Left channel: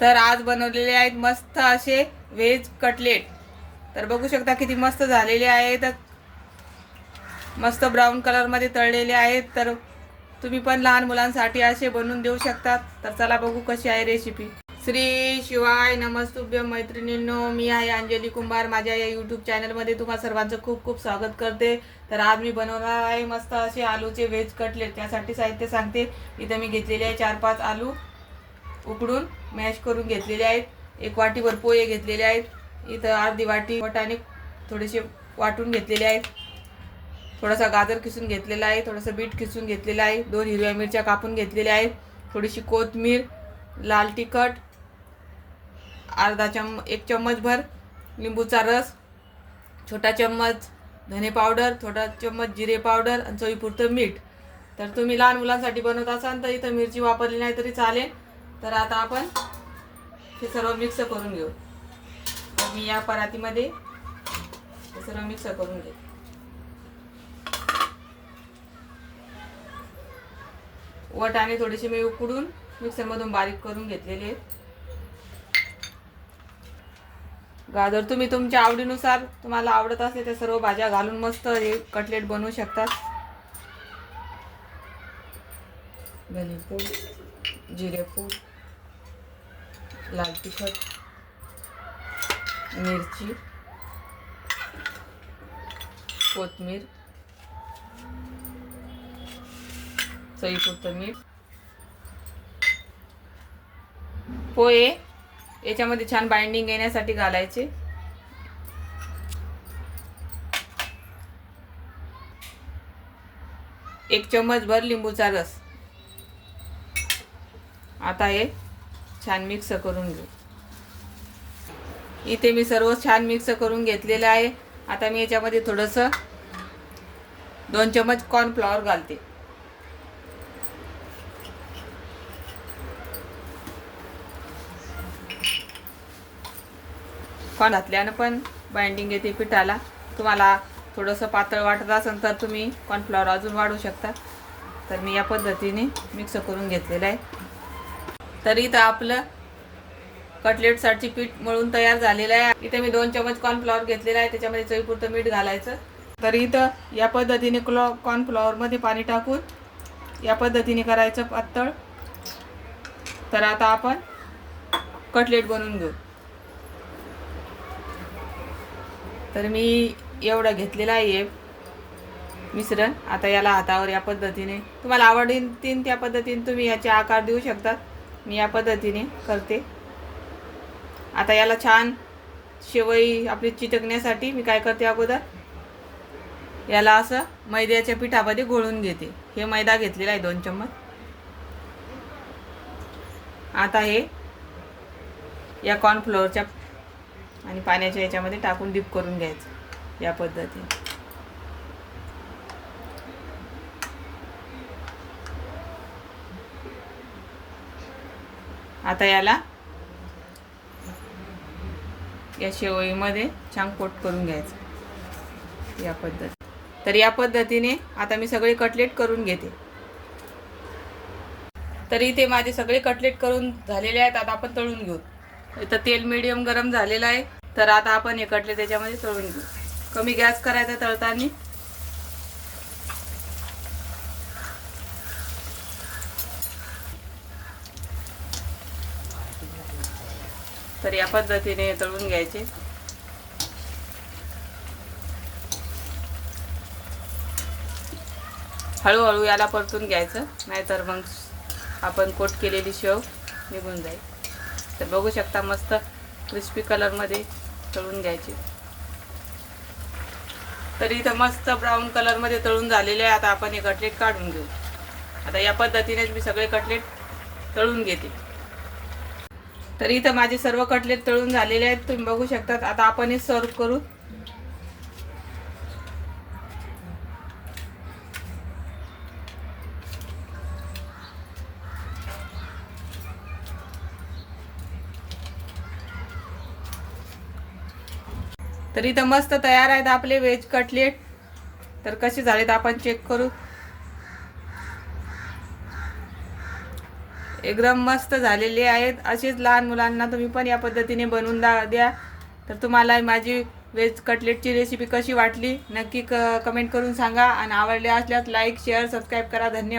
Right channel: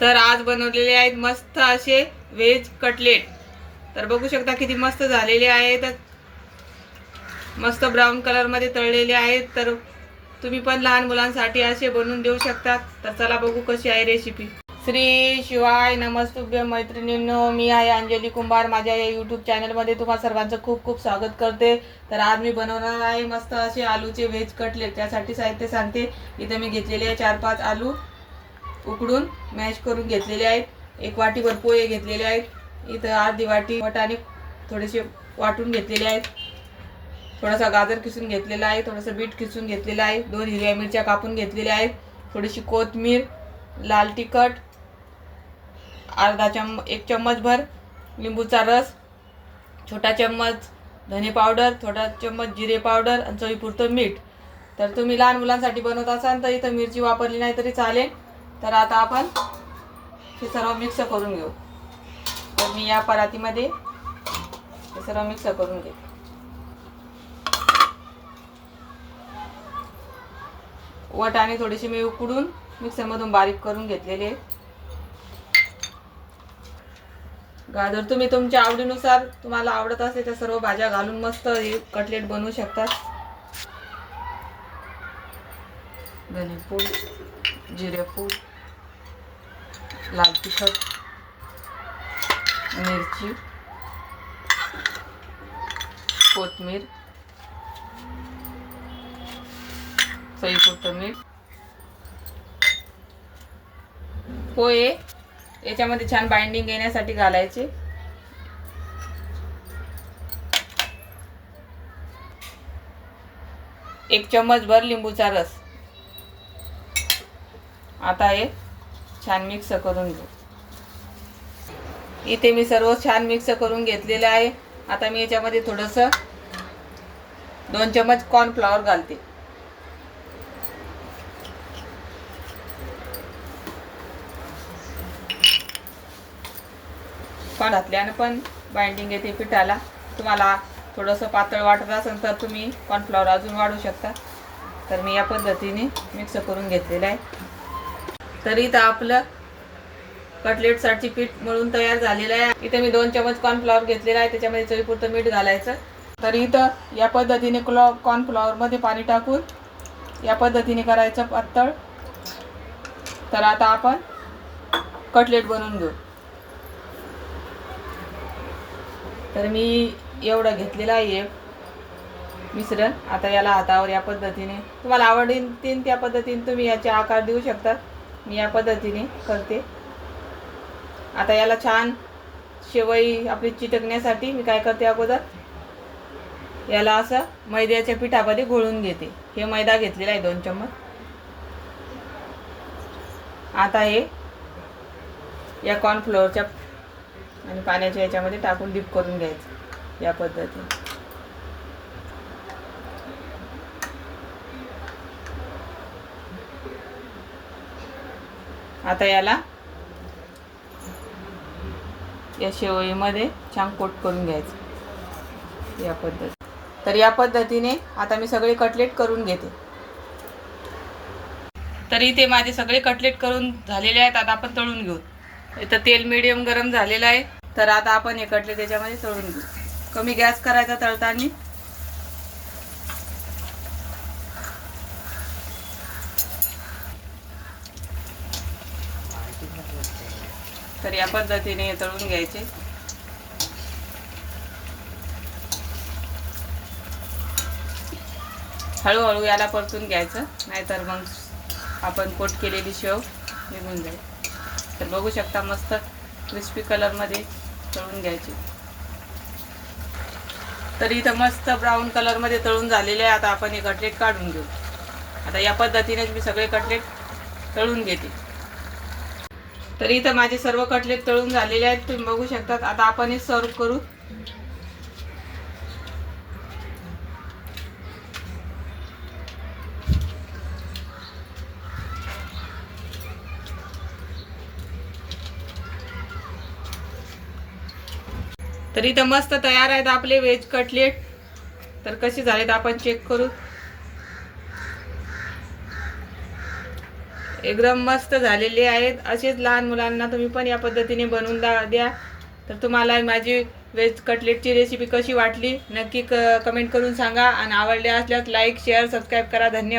तर आज बनवलेले आहेत मस्त असे व्हेज कटलेट। तर बघू शकता किती मस्त झालेले आहेत, मस्त ब्राऊन कलर मध्ये तळलेले आहेत। तर तुम्ही पण लहान मुलांसाठी असे बनवून देऊ शकता। तर चला बघू कशी आहे रेसिपी। श्री शिवाय नमस्तुभ्य मैत्रिणींनो, मी आहे अंजली कुंभार। माझ्या या यूट्यूब चॅनलमध्ये तुम्हा सर्वांचं खूप खूप स्वागत करते। तर आज मी बनवणार आहे मस्त असे आलूचे व्हेज कटलेट। त्यासाठी साहित्य सांगते। इथे मी घेतलेले आहे 4-5 आलू उकडून मॅश करून घेतलेले आहेत। एक वाटीभर पोहे घेतलेले आहेत। इथं अर्धी वाटी वाटाणे थोडेसे वाटून घेतलेले आहेत। थोडासा गाजर किसून घेतलेला आहे, थोडंसं बीट किसून घेतलेलं आहे, 2 हिरव्या मिरच्या कापून घेतलेल्या आहेत, थोडीशी कोथिंबीर, लाल तिखट, एक चम्मच भर लिंबूचा रस, छोटा चम्मच धने पावडर, छोटा चम्मच जिरे पावडर आणि चवीपुरतं मीठ। तर तुम्ही लहान मुलांसाठी बनवत असाल तर इथं मिरची वापरली नाही तरी चालेल। तर आता आपण हे सर्व मिक्स करून घेऊ। तर मी या परातीमध्ये हे सर्व मिक्स करून घेऊ। वाटाणे थोडेसे मी उकडून मिक्सरमधून बारीक करून घेतलेले। गाजर तुम्ही तुमच्या आवडीनुसार तुम्हाला आवडत असेल त्या सर्व भाज्या घालून मस्त हे कटलेट बनवू शकतात। धने पूड, जिरे पूड, लाल तिखट, मिरची, कोथिंबीर, चवीपुरतं मीठ, पोहे याच्यामध्ये छान बाइंडिंग येण्यासाठी घालायचे। एक चम्मच भर लिंबूचा रस। आता हे छान मिक्स करून घेऊ। इथे मी सर्व छान मिक्स करून घेतलेले आहे। आता मी याच्यामध्ये थोडंसं 2 चम्मच कॉर्नफ्लॉवर घालते। कॉर्न घातल्यानं पण बाइंडिंग येते पिठाला। तुम्हाला थोडंसं पातळ वाटत असेल तर तुम्ही कॉर्नफ्लॉवर अजून वाढवू शकता। तर मी या पद्धतीने मिक्स करून घेतलेलं आहे। तर इथं आपलं कटलेटसाठी पीठ मळून तयार झालेलं आहे। इथे मी 2 चम्मच कॉर्नफ्लॉवर घेतलेला आहे, त्याच्यामध्ये चवीपुरतं मीठ घालायचं। तर इथं या पद्धतीने कॉर्नफ्लॉवरमध्ये पाणी टाकून या पद्धतीने करायचं पातळ। तर आता आपण कटलेट बनवून घेऊ। तर मी एवढं घेतलेलं आहे मिश्रण। आता याला हातावर या पद्धतीने तुम्हाला आवडीन त्या पद्धतीने तुम्ही याचे आकार देऊ शकता। मी या पद्धतीने करते। आता याला छान शेवई आपली चिटकण्यासाठी मी काय करते, अगोदर याला असं मैद्याच्या पिठामध्ये घोळून घेते। हे मैदा घेतलेला आहे 2 चम्मच। आता हे या कॉर्नफ्लोअरच्या आणि पाण्याच्या याच्यामध्ये टाकून डीप करून घ्यायचं या पद्धतीने। आता याला या शेवईमध्ये छान कोट करून घ्यायचं या पद्धतीने। तर या पद्धतीने आता मी सगळे कटलेट करून घेते। तर इथे माझे सगळे कटलेट करून झालेले आहेत। आता आपण तळून घेऊ। इथं तेल मीडियम गरम झालेलं आहे। तर आता आपण हे कटलेट त्याच्यामध्ये तळून घेऊ। कमी गॅस करायचा तळताना। तर या पद्धतीने तळून घ्यायचे। हळूहळू याला परतून घ्यायचं, नाहीतर मग आपण कोट केलेली शेव निघून जाईल। तर बघू शकता मस्त क्रिस्पी कलरमध्ये तळून घ्यायची। तर इथं मस्त ब्राऊन कलरमध्ये तळून झालेले आहे। आता आपण हे कटलेट काढून घेऊ। आता या पद्धतीनेच मी सगळे कटलेट तळून घेते। तर इथं माझे सर्व कटलेट तळून झालेले आहेत, तुम्ही बघू शकता। आता आपण हे सर्व करू। तर इथं मस्त तयार आहेत आपले व्हेज कटलेट। तर कसे झालेत आपण चेक करू। एकदम मस्त झालेले आहेत. असेच लहान मुलांना तुम्ही पण या पद्धतीने बनवून द्या. तर तुम्हाला माझी व्हेज कटलेटची रेसिपी कशी वाटली नक्की कमेंट करून सांगा आणि आवडले असल्यास लाईक शेअर सबस्क्राईब करा. धन्यवाद.